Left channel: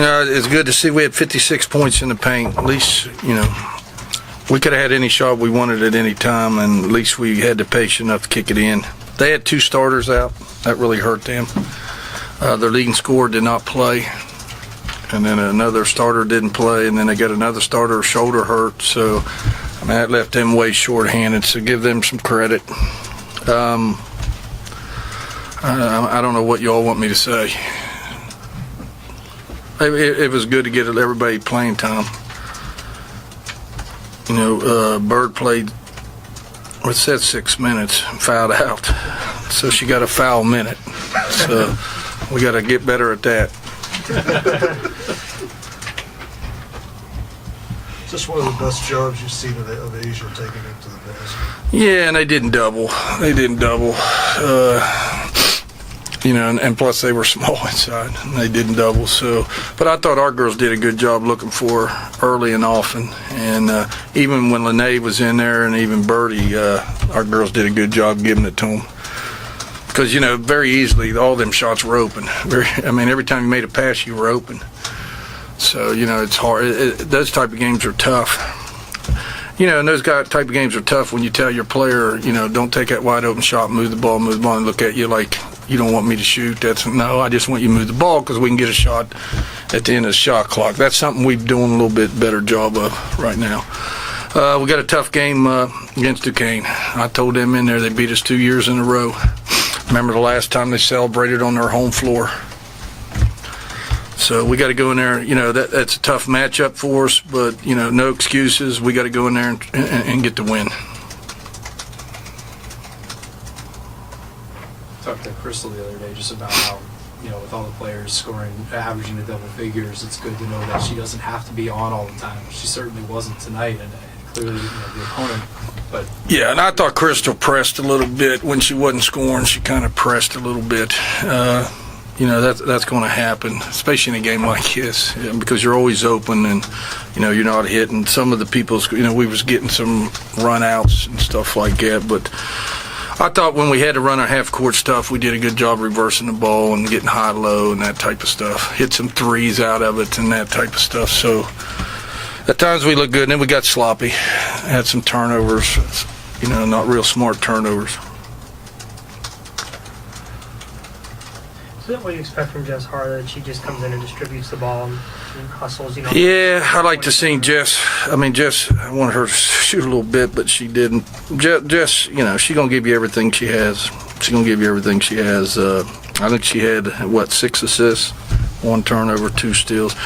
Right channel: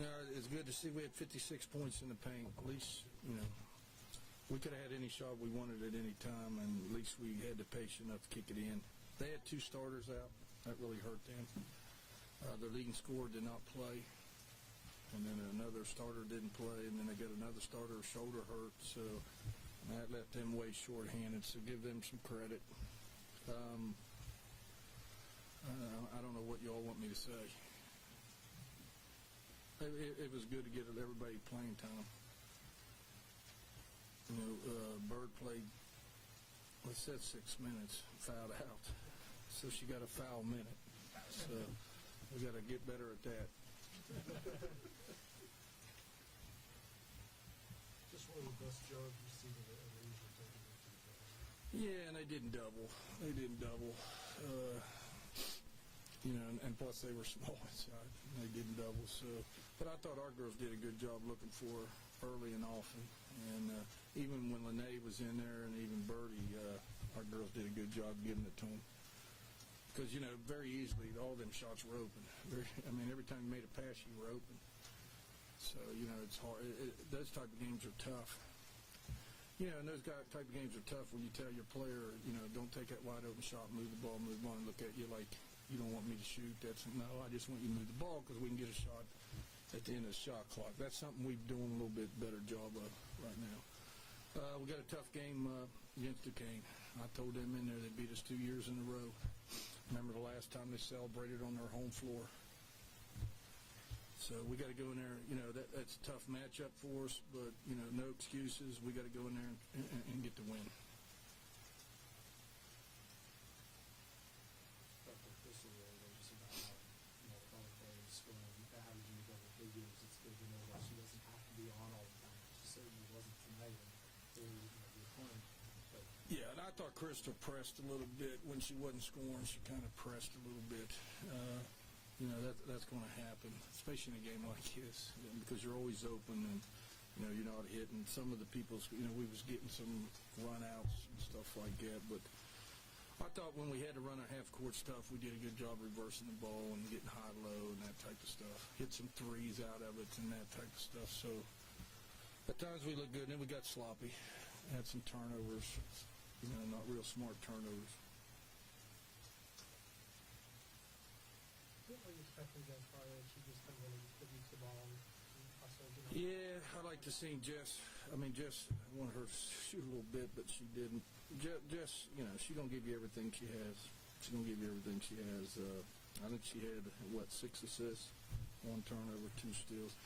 It's good to see we had 56 points in the paint. At least, we could have had any shot we wanted at any time, and at least we had the patience enough to kick it in. They had 2 starters out. That really hurt them. Their leading scorer did not play, and then another starter didn't play, and then they got another starter shoulder hurt. So, that left them way short-handed, so give them some credit. I don't know what you all want me to say. It was good to get everybody playing time. Bird played, it said 6 minutes, and fouled out. So she got a foul minute. So we got to get better at that. Is this one of the best jobs you've seen of Asia taking it to the basket? Yeah, and they didn't double. And plus they were small inside, and they didn't double. So, but I thought our girls did a good job looking for her early and often. And even when Lene was in there, and even Birdie, our girls did a good job giving it to them. Because very easily all them shots were open. Every time you made a pass, you were open. So it's hard. Those type of games are tough. And those type of games are tough when you tell your player, don't take that wide open shot, move the ball, and look at you like you don't want me to shoot. No, I just want you to move the ball because we can get a shot at the end of the shot clock. That's something we're doing a little bit better job of right now. We got a tough game against Duquesne. I told them in there they beat us 2 years in a row. Remember the last time they celebrated on their home floor. So we got to go in there. That's a tough matchup for us, but no excuses. We got to go in there and get the win. Talked to Crystal the other day just about how with all the players scoring, averaging the double figures, it's good to know that she doesn't have to be on all the time. She certainly wasn't tonight, and clearly the opponent. But yeah, and I thought Crystal pressed a little bit when she wasn't scoring. She kind of pressed a little bit. That's going to happen, especially in a game like this, because you're always open and, you're not hitting. Some of the people's, we was getting some run-outs and stuff like that. But I thought when we had to run our half-court stuff, we did a good job reversing the ball and getting high-low and that type of stuff. Hit some threes out of it and that type of stuff. So at times we looked good, and then we got sloppy. Had some turnovers, not real smart turnovers. Is that what you expect from Jess Harder, that she just comes in and distributes the ball and hustles? Yeah, I like to see Jess. Jess, I wanted her to shoot a little bit, but she didn't. Jess, she's going to give you everything she has. She's going to give you everything she has. I think she had, 6 assists, 1 turnover, 2 steals.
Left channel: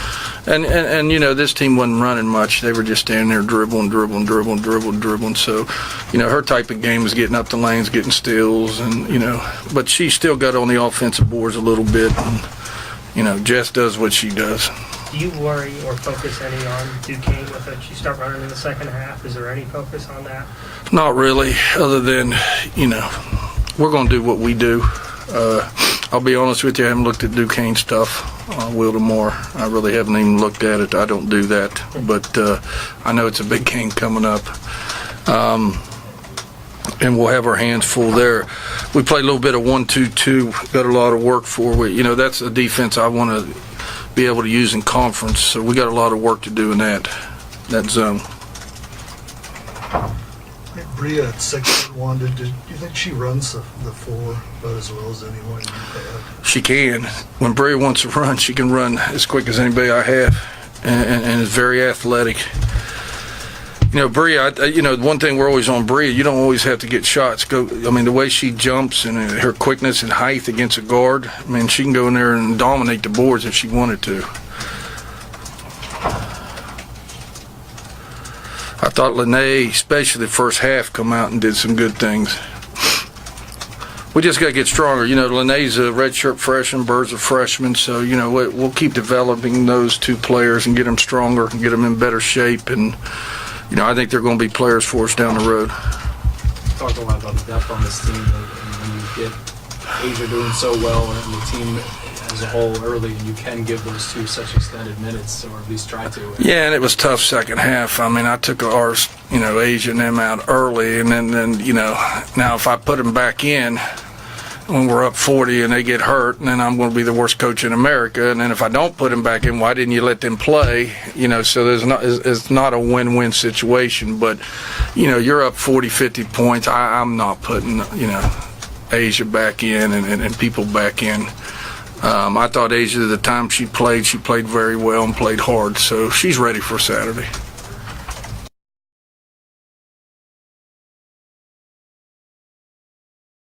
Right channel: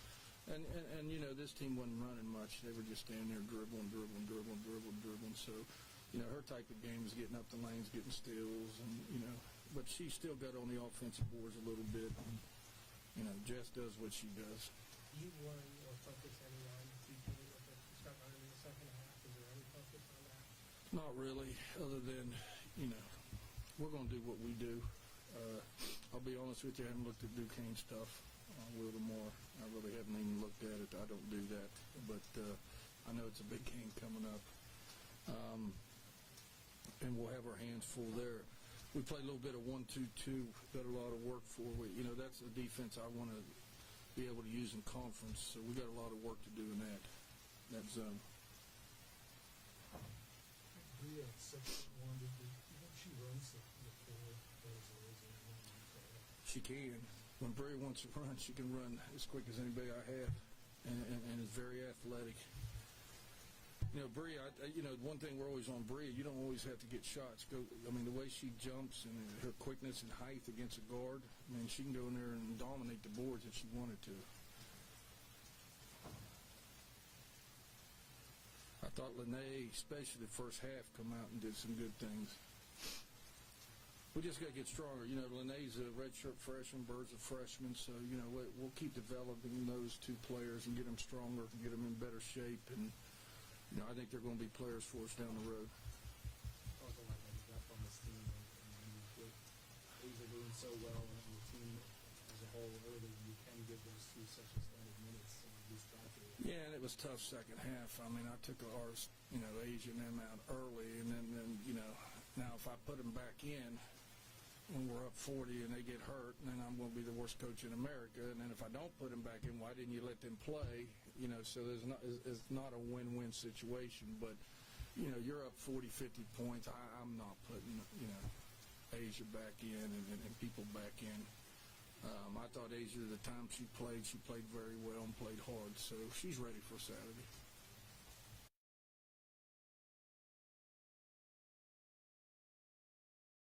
And this team wasn't running much. They were just standing there dribbling. So, her type of game is getting up the lanes, getting steals, and, but she still got on the offensive boards a little bit. And, Jess does what she does. Do you worry or focus any on Duquesne with it? You start running in the second half. Is there any focus on that? Not really, other than, we're going to do what we do. I'll be honest with you, I haven't looked at Duquesne stuff. I will tomorrow. I really haven't even looked at it. I don't do that. But I know it's a big game coming up. And we'll have our hands full there. We played a little bit of 1-2-2. Got a lot of work for. That's a defense I want to be able to use in conference. So we got a lot of work to do in that zone. Bria at 6'1", do you think she runs the floor about as well as anyone you've had? She can. When Bria wants to run, she can run as quick as anybody I have, and is very athletic. Bria, one thing we're always on Bria, you don't always have to get shots. The way she jumps and her quickness and height against a guard, she can go in there and dominate the boards if she wanted to. I thought Lene, especially the first half, come out and did some good things. We just got to get stronger. Lene's a redshirt freshman, Bird's a freshman, so, we'll keep developing those 2 players and get them stronger and get them in better shape. And, I think they're going to be players for us down the road. Talked a lot about the depth on this team, and when you get Asia doing so well and the team as a whole early, and you can give those 2 such extended minutes, or at least try to. Yeah, and it was tough second half. I took ours, Asia and them out early, and then now if I put them back in, when we're up 40 and they get hurt, and then I'm going to be the worst coach in America. And then if I don't put them back in, why didn't you let them play? So it's not a win-win situation. But, you're up 40, 50 points. I'm not putting, Asia back in and people back in. I thought Asia, the time she played very well and played hard. So she's ready for Saturday.